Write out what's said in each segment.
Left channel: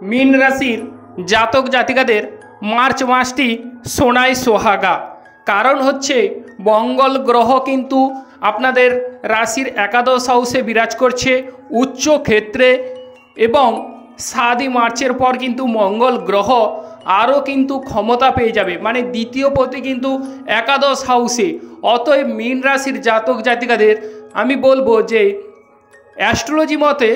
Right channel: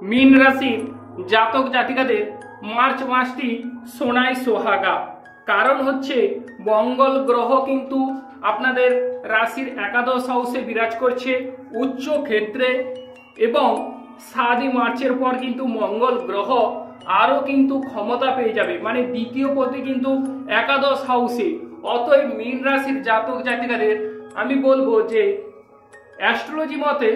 মীন রাশির জাতক জাতিকাদের মার্চ মাসটি সোনায় সোহাগা। কারণ হচ্ছে মঙ্গল গ্রহ কিন্তু আপনাদের রাশির একাদশ হাউসে বিরাজ করছে উচ্চ ক্ষেত্রে, এবং 7 মার্চের পর কিন্তু মঙ্গল গ্রহ আরও কিন্তু ক্ষমতা পেয়ে যাবে, মানে দ্বিতীয় পতি কিন্তু একাদশ হাউসে। অতএব মীন রাশির জাতক জাতিকাদের আমি বলবো যে অ্যাস্ট্রোলজি মতে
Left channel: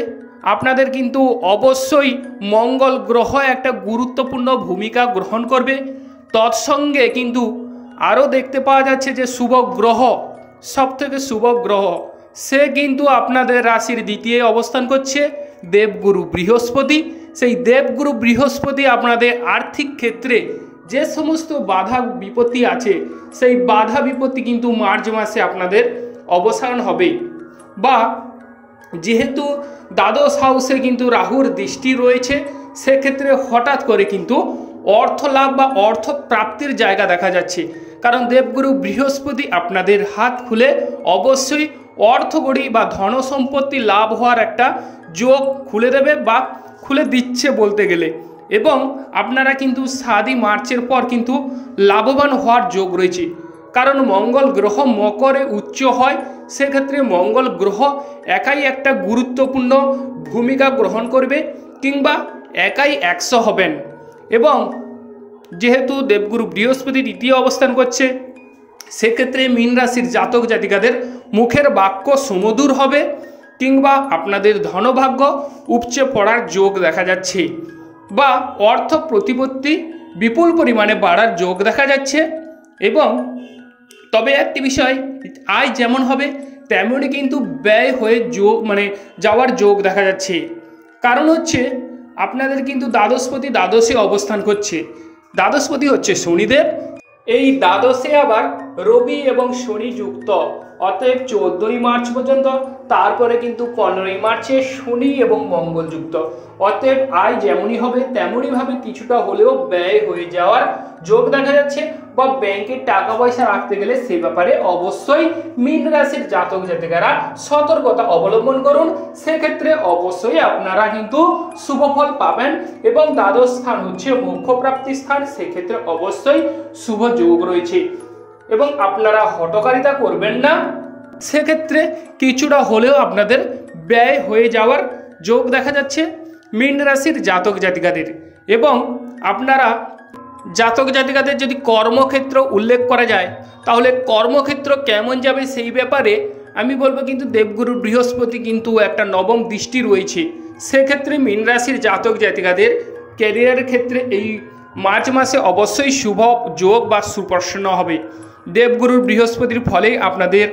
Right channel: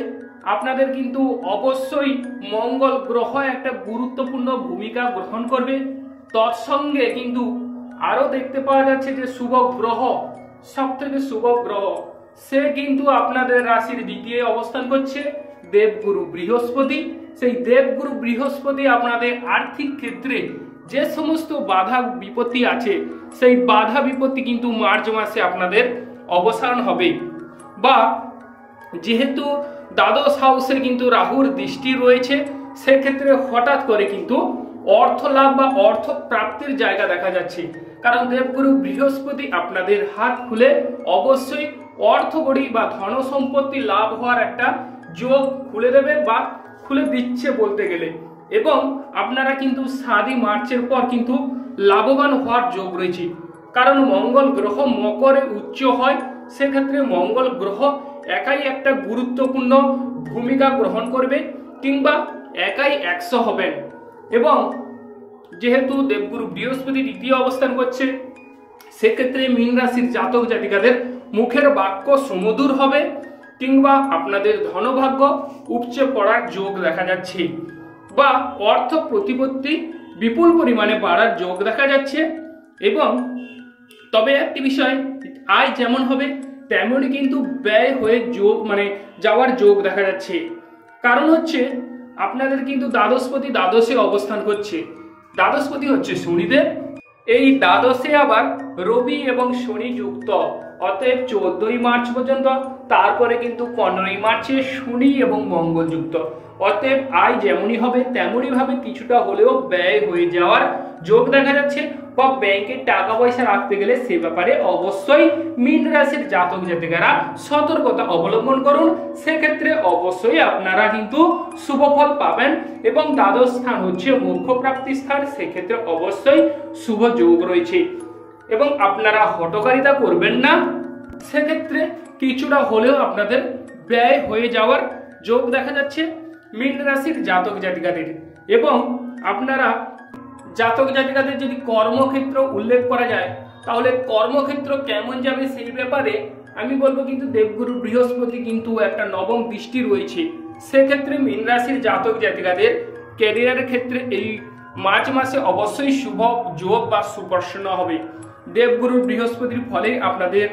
আপনাদের কিন্তু অবশ্যই মঙ্গল গ্রহ একটা গুরুত্বপূর্ণ ভূমিকা গ্রহণ করবে। তৎসঙ্গে কিন্তু আরও দেখতে পাওয়া যাচ্ছে যে শুভ গ্রহ, সবথেকে শুভ গ্রহ, সে কিন্তু আপনাদের রাশির দ্বিতীয় অবস্থান করছে, দেবগুরু বৃহস্পতি। সেই দেবগুরু বৃহস্পতি আপনাদের আর্থিক ক্ষেত্রে যে সমস্ত বাধা বিপত্তি আছে সেই বাধা বিপত্তি কিন্তু মার্চ মাসে আপনাদের অবসান হবে। বা যেহেতু দ্বাদশ হাউসে কিন্তু রাহুর দৃষ্টি রয়েছে, সেক্ষেত্রে হঠাৎ করে কিন্তু অর্থ লাভ বা অর্থ প্রাপ্তির জায়গা দেখা যাচ্ছে। কারণ দেবগুরু বৃহস্পতি আপনাদের হাত খুলে অবশ্যই অর্থকড়ি বা ধন সম্পত্তি লাভ হওয়ার একটা যোগ খুলে দেবে বা খুলে দিচ্ছে বলতে গেলে। এবং আপনারা কিন্তু 7 মার্চের পর কিন্তু লাভবান হওয়ার যোগ রয়েছে। কারণ মঙ্গল গ্রহ মকরে উচ্চ হয়, সেক্ষেত্রে মঙ্গল গ্রহ একাই একটা গুরুত্বপূর্ণ ভূমিকা গ্রহণ করবে কিংবা একাই 100 হবেন। এবং যেহেতু দেবগুরু বৃহস্পতি দ্বিতীয় অবস্থান করছে, সেক্ষেত্রে মীন রাশির জাতক জাতিকাদের মুখের বাক্য সুমধুর হবে কিংবা আপনাদের ধনভাগ্য উপচে পড়ার যোগ দেখা যাচ্ছে, বা অর্থ প্রতিপত্তি বিপুল পরিমাণে বাড়ার যোগ দেখা যাচ্ছে। এবং তবে একটি বিষয়, আয় যেমন হবে তেমনই কিন্তু ব্যয় হয়ে যোগ যাওয়ার যোগ দেখা যাচ্ছে। কারণ হচ্ছে আপনাদের কিন্তু দ্বাদশপতি দ্বাদশে অবস্থান করছে, দ্বাদশপতি হচ্ছে শনিদেব, এই দ্বাদশে আবার রবি এবং শনি যুক্ত। অতএব 14 মার্চ পর্যন্ত, তারপরে কিন্তু 15 মার্চে শনি এবং মঙ্গল যুক্ত। অতএব আয় যেমনই হবে তেমনই ভাবে কিছুটা হলেও ব্যয় হয়ে যাওয়ার যোগ দেখা যাচ্ছে, বা ব্যাংকে টাকা পয়সা রাখতে গেলে সে ব্যাপারে অবশ্যই মীন রাশির জাতক জাতিকারা সতর্কতা অবলম্বন করুন। সেক্ষেত্রে অবশ্যই আপনারা কিন্তু শুভফল পাবেন। এবং দ্বাদশ স্থান হচ্ছে মোক্ষ প্রাপ্তি স্থান, সেক্ষেত্রে অবশ্যই শুভ যোগ রয়েছে। এবং আপনারা হঠকারিতা করবেন না, সেক্ষেত্রে কিছুটা হলেও আপনাদের ব্যয় হয়ে যাওয়ার যোগ দেখা যাচ্ছে মীন রাশির জাতক জাতিকাদের। এবং আপনারা জাতক জাতিকাদের যদি কর্মক্ষেত্র উল্লেখ করা যায়, তাহলে কর্মক্ষেত্র কেমন যাবে সেই ব্যাপারে আমি বলবো কিন্তু দেবগুরু বৃহস্পতি কিন্তু একটা নবম দৃষ্টি রয়েছে। সেক্ষেত্রে মীন রাশির জাতক জাতিকাদের ক্যারিয়ারের ক্ষেত্রে এই মার্চ মাসে অবশ্যই শুভ যোগ বা সুপ্রসন্ন হবে। দেবগুরু বৃহস্পতির ফলে আপনাদের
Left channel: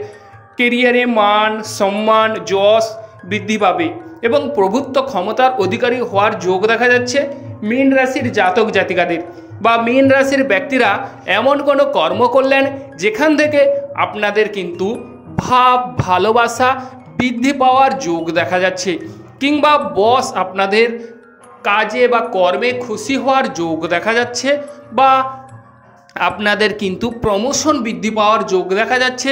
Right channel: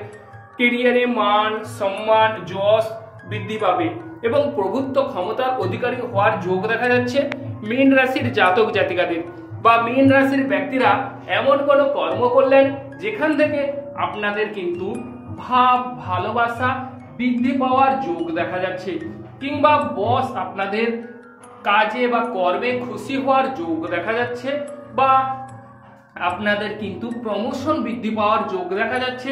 কেরিয়ারে মান সম্মান যশ বৃদ্ধি পাবে এবং প্রভুত্ব ক্ষমতার অধিকারী হওয়ার যোগ দেখা যাচ্ছে মীন রাশির জাতক জাতিকাদের। বা মীন রাশির ব্যক্তিরা এমন কোনো কর্ম করলেন যেখান থেকে আপনাদের কিন্তু ভাব ভালোবাসা বৃদ্ধি পাওয়ার যোগ দেখা যাচ্ছে, কিংবা বস আপনাদের কাজে বা কর্মে খুশি হওয়ার যোগ দেখা যাচ্ছে, বা আপনাদের কিন্তু প্রমোশন বৃদ্ধি পাওয়ার যোগ দেখা যাচ্ছে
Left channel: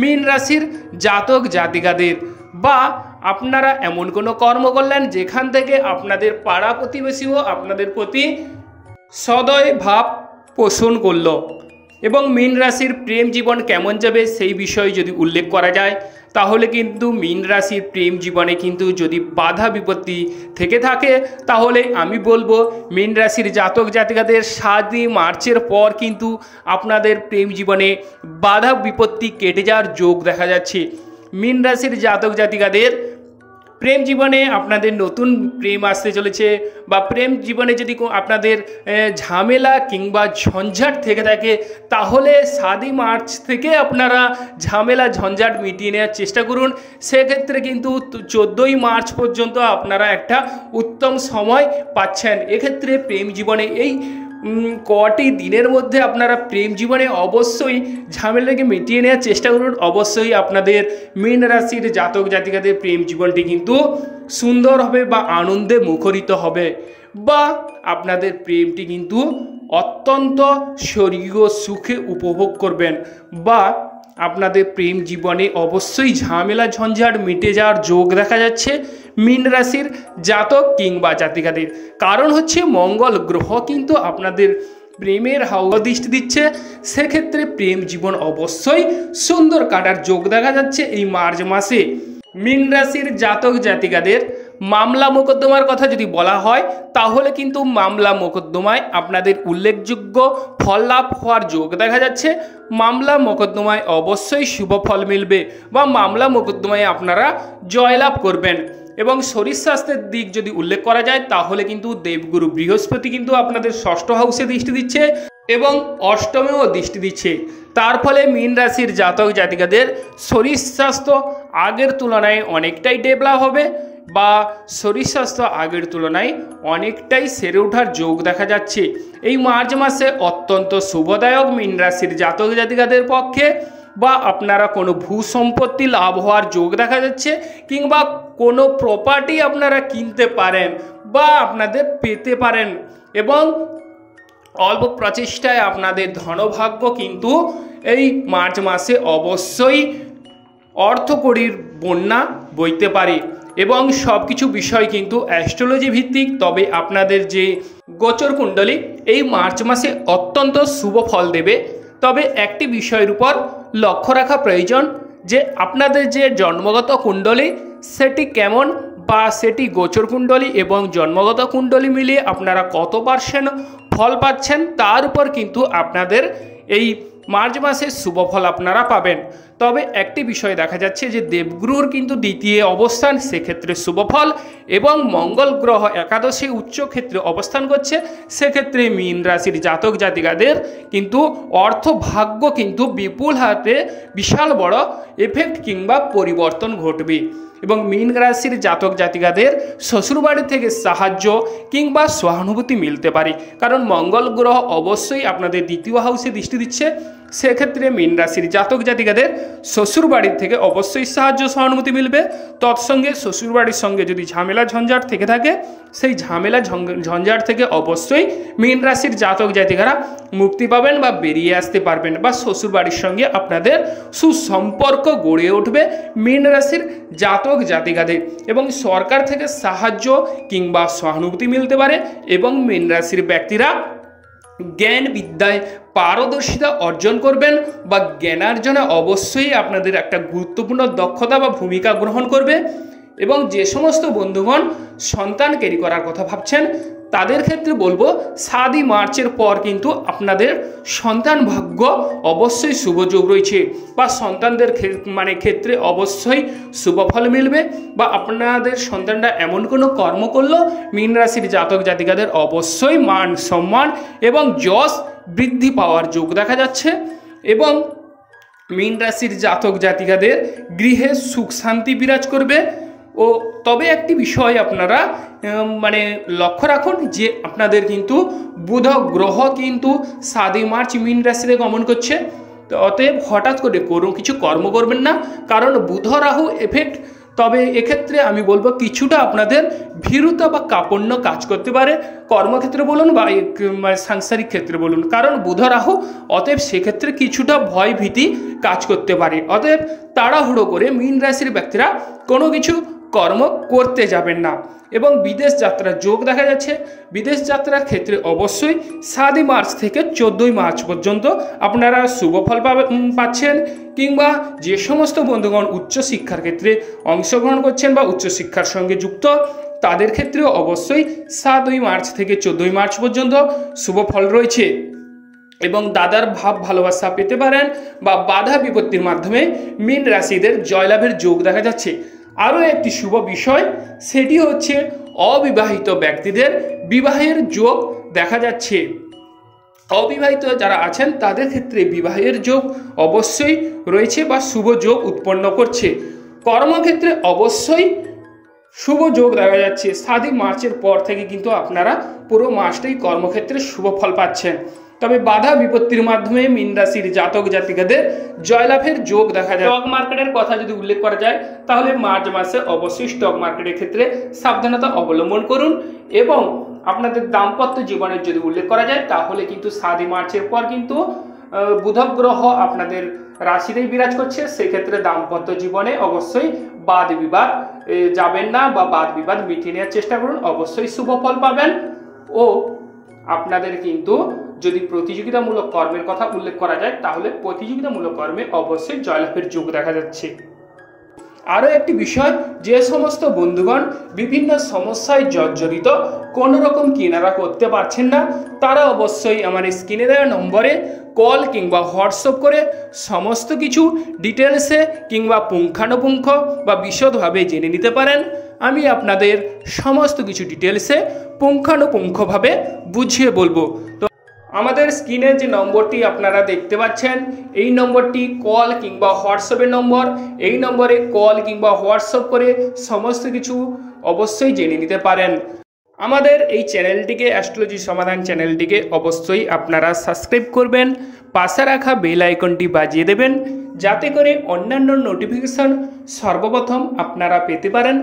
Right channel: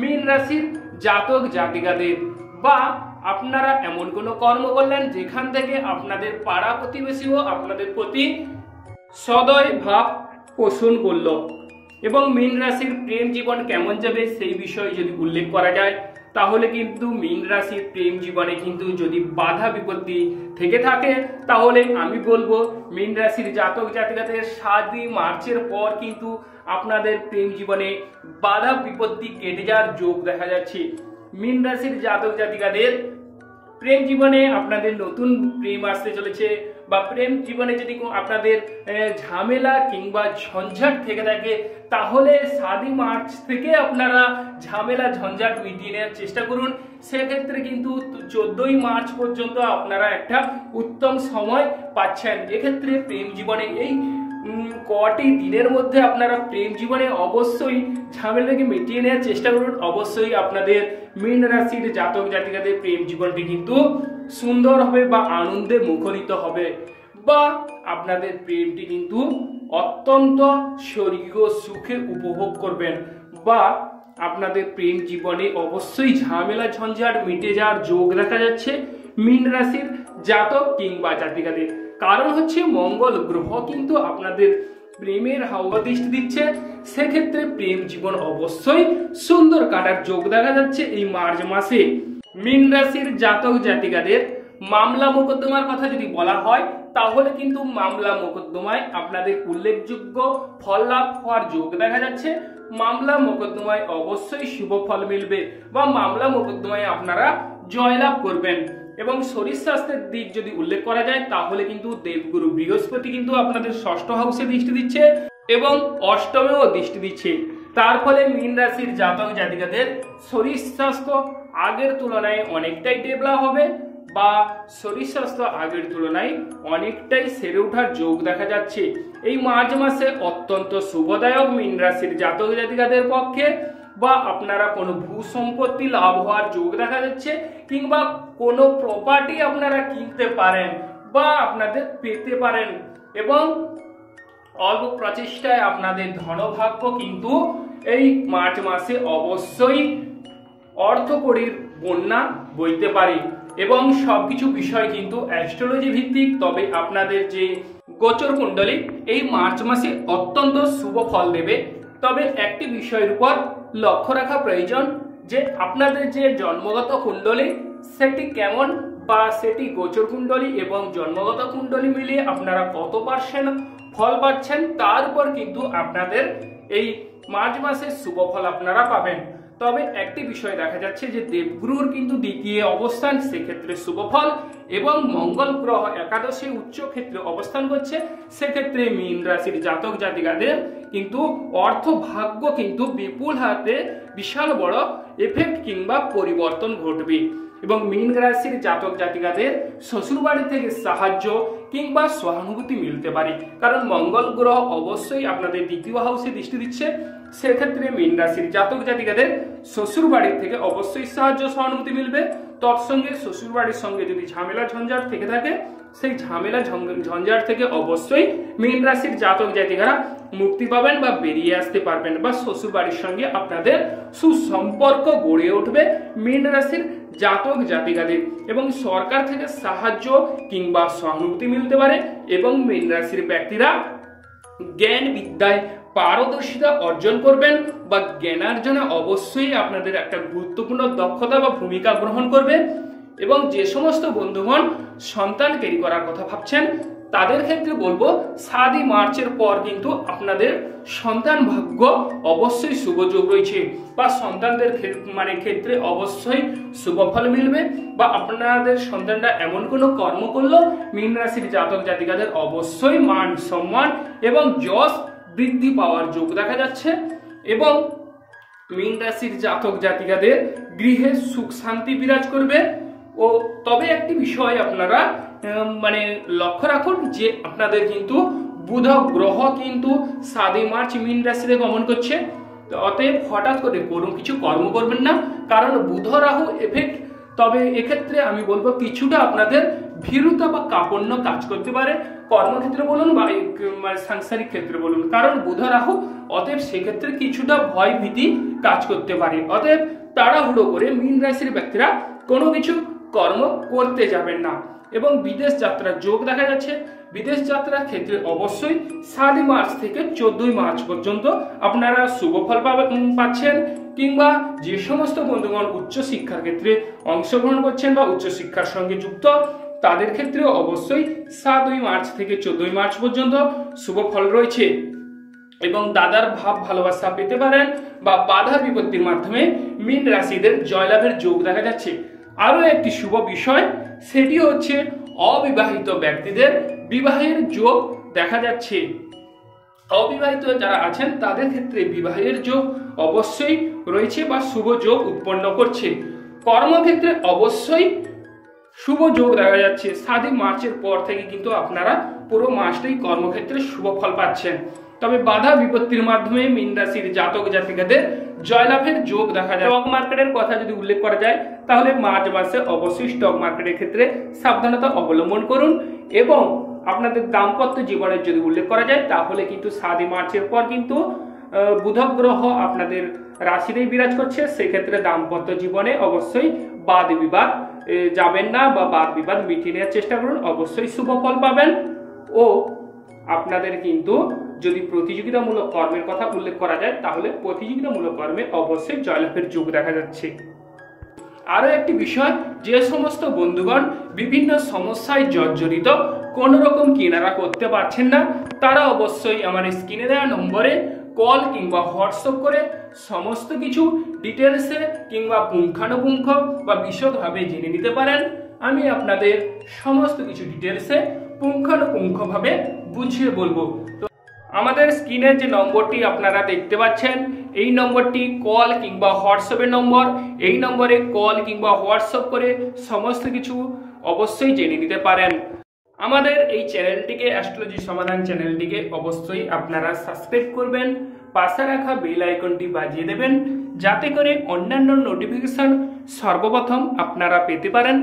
মীন রাশির জাতক জাতিকাদের। বা আপনারা এমন কোনো কর্ম করলেন যেখান থেকে আপনাদের পাড়া প্রতিবেশীও আপনাদের প্রতি সদয় ভাব পোষণ করল। এবং মীন রাশির প্রেম জীবন কেমন যাবে সেই বিষয়ে যদি উল্লেখ করা যায়, তাহলে কিন্তু মীন রাশির প্রেম জীবনে কিন্তু যদি বাধা বিপত্তি থেকে থাকে, তাহলে আমি বলবো মীন রাশির জাতক জাতিকাদের 7 মার্চের পর কিন্তু আপনাদের প্রেম জীবনে বাধা বিপত্তি কেটে যাওয়ার যোগ দেখা যাচ্ছে। মীন রাশির জাতক জাতিকাদের প্রেম জীবনে আপনাদের নতুন প্রেম আসতে চলেছে, বা প্রেম জীবনে যদি আপনাদের ঝামেলা কিংবা ঝঞ্ঝাট থেকে থাকে, তাহলে 7 মার্চ থেকে আপনারা ঝামেলা ঝঞ্ঝাট মিটিয়ে নেওয়ার চেষ্টা করুন। সেক্ষেত্রে কিন্তু 14 মার্চ পর্যন্ত আপনারা একটা উত্তম সময় পাচ্ছেন। এক্ষেত্রে প্রেম জীবনে এই কটি দিনের মধ্যে আপনারা প্রেম জীবনে অবশ্যই ঝামেলাকে মিটিয়ে নেওয়ার চেষ্টা করুন। অবশ্যই আপনাদের মীন রাশির জাতক জাতিকাদের প্রেম জীবনটি কিন্তু সুন্দর হবে বা আনন্দে মুখরিত হবে, বা আপনাদের প্রেমটি কিন্তু অত্যন্ত স্বর্গীয় সুখে উপভোগ করবেন। বা আপনাদের প্রেম জীবনে অবশ্যই ঝামেলা ঝঞ্ঝাট মিটে যাওয়ার যোগ দেখা যাচ্ছে মীন রাশির জাতক কিংবা জাতিকাদের। কারণ হচ্ছে মঙ্গল গ্রহ কিন্তু আপনাদের প্রেমের হাওয়া দৃষ্টি দিচ্ছে, সেক্ষেত্রে প্রেম জীবন অবশ্যই সুন্দর কাটার যোগ দেখা যাচ্ছে এই মার্চ মাসে। মীন রাশির জাতক জাতিকাদের মামলা মোকদ্দমার কথা যদি বলা হয় তাহলে কিন্তু মামলা মোকদ্দমায় আপনাদের উল্লেখযোগ্য ফল লাভ হওয়ার যোগ দেখা যাচ্ছে। মামলা মোকদ্দমায় অবশ্যই শুভ ফল মিলবে বা মামলা মোকদ্দমায় আপনারা জয়লাভ করবেন। এবং শরীর স্বাস্থ্যের দিক যদি উল্লেখ করা যায় তাহলে কিন্তু দেবগুরু বৃহস্পতি কিন্তু আপনাদের ষষ্ঠ হাউসে দৃষ্টি দিচ্ছে এবং অষ্টমেও দৃষ্টি দিচ্ছে। তার ফলে মীন রাশির জাতক জাতিকাদের শরীর স্বাস্থ্য আগের তুলনায় অনেকটাই ডেভেলপ হবে বা শরীর স্বাস্থ্য আগের তুলনায় অনেকটাই সেরে ওঠার যোগ দেখা যাচ্ছে। এই মার্চ মাসে অত্যন্ত শুভদায়ক মীন রাশির জাতক জাতিকাদের পক্ষে। বা আপনারা কোনো ভূ সম্পত্তি লাভ হওয়ার যোগ দেখা যাচ্ছে কিংবা কোনো প্রপার্টি আপনারা কিনতে পারেন বা আপনাদের পেতে পারেন এবং অল্প প্রচেষ্টায় আপনাদের ধনভাগ্য কিন্তু এই মার্চ মাসে অবশ্যই অর্থকড়ির বন্যা বইতে পারে। এবং সব কিছু বিষয় কিন্তু অ্যাস্ট্রোলজি ভিত্তিক। তবে আপনাদের যে গোচর কুণ্ডলী এই মার্চ মাসে অত্যন্ত শুভ ফল দেবে। তবে একটি বিষয়ের উপর লক্ষ্য রাখা প্রয়োজন যে আপনাদের যে জন্মগত কুণ্ডলী সেটি কেমন বা সেটি গোচর কুণ্ডলী এবং জন্মগত কুণ্ডলী মিলিয়ে আপনারা কত % ফল পাচ্ছেন তার উপর কিন্তু আপনাদের এই মার্চ মাসে শুভ ফল আপনারা পাবেন। তবে একটি বিষয় দেখা যাচ্ছে যে দেবগুরুর কিন্তু দ্বিতীয় অবস্থান, সেক্ষেত্রে শুভ ফল এবং মঙ্গল গ্রহ একাদশী উচ্চ ক্ষেত্রে অবস্থান করছে, সেক্ষেত্রে মীন রাশির জাতক জাতিকাদের কিন্তু অর্থ ভাগ্য কিন্তু বিপুল হাতে বিশাল বড় এফেক্ট কিংবা পরিবর্তন ঘটবে। এবং মীন রাশির জাতক জাতিকাদের শ্বশুরবাড়ি থেকে সাহায্য কিংবা সহানুভূতি মিলতে পারে, কারণ মঙ্গল গ্রহ অবশ্যই আপনাদের দ্বিতীয় হাউসে দৃষ্টি দিচ্ছে। সেক্ষেত্রে মীন রাশির জাতক জাতিকাদের শ্বশুরবাড়ির থেকে অবশ্যই সাহায্য সহানুভূতি মিলবে। তৎসঙ্গে শ্বশুরবাড়ির সঙ্গে যদি ঝামেলা ঝঞ্ঝাট থেকে থাকে সেই ঝামেলা ঝঞ্ঝাট থেকে অবশ্যই মীন রাশির জাতক জাতিকারা মুক্তি পাবেন বা বেরিয়ে আসতে পারবেন বা শ্বশুরবাড়ির সঙ্গে আপনাদের সুসম্পর্ক গড়ে উঠবে মীন রাশির জাতক জাতিকাদের। এবং সরকার থেকে সাহায্য কিংবা সহানুভূতি মিলতে পারে এবং মীন রাশির ব্যক্তিরা জ্ঞান বিদ্যায় পারদর্শিতা অর্জন করবেন বা জ্ঞানার্জনে অবশ্যই আপনাদের একটা গুরুত্বপূর্ণ দক্ষতা বা ভূমিকা গ্রহণ করবে। এবং যে সমস্ত বন্ধুগণ সন্তান ক্যারি করার কথা ভাবছেন তাদের ক্ষেত্রে বলবো 7 মার্চের পর কিন্তু আপনাদের সন্তান ভাগ্য অবশ্যই শুভযোগ রয়েছে বা সন্তানদের ক্ষেত্রে অবশ্যই শুভফল মিলবে বা আপনাদের সন্তানরা এমন কোনো কর্ম করলো মীন রাশির জাতক জাতিকাদের অবশ্যই মান সম্মান এবং যশ বৃদ্ধি পাওয়ার যোগ দেখা যাচ্ছে। এবং মীন রাশির জাতক জাতিকাদের গৃহে সুখ শান্তি বিরাজ করবে। ও তবে একটি বিষয় আপনারা লক্ষ্য রাখুন যে আপনাদের কিন্তু বুধ গ্রহ কিন্তু 7 মার্চ মীন রাশিতে গমন করছে। তো অতএব হঠাৎ করে কোনো কিছু কর্ম করবেন না, কারণ বুধ রাহু এফেক্ট। তবে এক্ষেত্রে আমি বলবো কিছুটা আপনাদের ভীরুতা বা কাপণ্য কাজ করতে পারে, কর্মক্ষেত্রে বলুন বা সাংসারিক ক্ষেত্রে বলুন, কারণ বুধ রাহু। অতএব সেক্ষেত্রে কিছুটা ভয় ভীতি কাজ করতে পারে। অতএব তাড়াহুড়ো করে মীন রাশির ব্যক্তিরা কোনো কিছু কর্ম করতে যাবেন না। এবং বিদেশ যাত্রার যোগ দেখা যাচ্ছে। বিদেশ যাত্রার ক্ষেত্রে অবশ্যই 7 মার্চ থেকে 14 মার্চ পর্যন্ত আপনারা শুভ ফল পাচ্ছেন। কিংবা যে সমস্ত বন্ধুগণ উচ্চশিক্ষার ক্ষেত্রে অংশগ্রহণ করছেন বা উচ্চশিক্ষার সঙ্গে যুক্ত তাদের ক্ষেত্রেও অবশ্যই 7 মার্চ থেকে 14 মার্চ পর্যন্ত শুভ ফল রয়েছে। এবং দাদার ভাব ভালোবাসা পেতে পারেন বা বাধা বিপত্তির মাধ্যমে মীন রাশিদের জয়লাভের যোগ দেখা যাচ্ছে। আরও একটি শুভ বিষয় সেটি হচ্ছে অবিবাহিত ব্যক্তিদের বিবাহের যোগ দেখা যাচ্ছে। অবিবাহিত যারা আছেন তাদের ক্ষেত্রে বিবাহের যোগ অবশ্যই রয়েছে বা শুভ যোগ উৎপন্ন করছে। কর্মক্ষেত্রে অবশ্যই শুভ যোগ দেখা যাচ্ছে। 7 মার্চের পর থেকে কিন্তু আপনারা পুরো মাসটাই কর্মক্ষেত্রে শুভ ফল পাচ্ছেন। তবে বাধা বিপত্তির মাধ্যমে মীন রাশির জাতক জাতিকাদের জয়লাভের যোগ দেখা যায়। স্টক মার্কেটের কথা যদি উল্লেখ করা যায় তাহলে মার্চ মাসে অবশ্যই স্টক মার্কেটের ক্ষেত্রে সাবধানতা অবলম্বন করুন। এবং আপনাদের দাম্পত্য জীবনের যদি উল্লেখ করা যায় তাহলে কিন্তু 7 মার্চের পর কিন্তু বুধ গ্রহ আপনাদের রাশিতেই বিরাজ করছে, সেক্ষেত্রে দাম্পত্য জীবনে অবশ্যই বাদ বিবাদ যাবেন না বা বাদ বিবাদ মিটিয়ে নেওয়ার চেষ্টা করুন, অবশ্যই শুভ ফল পাবেন। ও আপনাদের কিন্তু যদি প্রতিযোগিতামূলক কর্মের কথা উল্লেখ করা যায় তাহলে প্রতিযোগিতামূলক কর্মে অবশ্যই জয়লাভের যোগ দেখা যাচ্ছে। আরও একটি বিষয়, যে সমস্ত বন্ধুগণ বিভিন্ন সমস্যায় জর্জরিত, কোনো রকম কেনারা করতে পারছেন না, তারা অবশ্যই আমার স্ক্রিনে দেওয়া নম্বরে কল কিংবা হোয়াটসঅ্যাপ করে সমস্ত কিছু ডিটেলসে কিংবা পুঙ্খানুপুঙ্খ বা বিশদভাবে জেনে নিতে পারেন। আমি আপনাদের সমস্ত কিছু ডিটেলসে পুঙ্খানুপুঙ্খভাবে বুঝিয়ে বলবো। তো আমাদের স্ক্রিনের যে নম্বরটি আপনারা দেখতে পাচ্ছেন, এই নম্বরটি কল কিংবা হোয়াটসঅ্যাপের নম্বর। এই নম্বরে কল কিংবা হোয়াটসঅ্যাপ করে সমস্ত কিছু অবশ্যই জেনে নিতে পারেন। আমাদের এই চ্যানেলটিকে, অ্যাস্ট্রোলজি সমাধান চ্যানেলটিকে অবশ্যই আপনারা সাবস্ক্রাইব করবেন, পাশে রাখা বেল আইকনটি বাজিয়ে দেবেন, যাতে করে অন্যান্য নোটিফিকেশন সর্বপ্রথম আপনারা পেতে পারেন।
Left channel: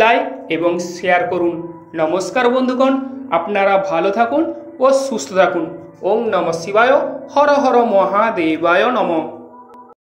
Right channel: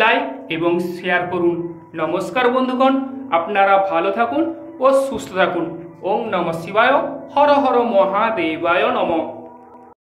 লাইক এবং শেয়ার করুন। নমস্কার বন্ধুগণ, আপনারা ভালো থাকুন ও সুস্থ থাকুন। ওম নমঃ শিবায়, হর হর মহাদেবায় নমঃ।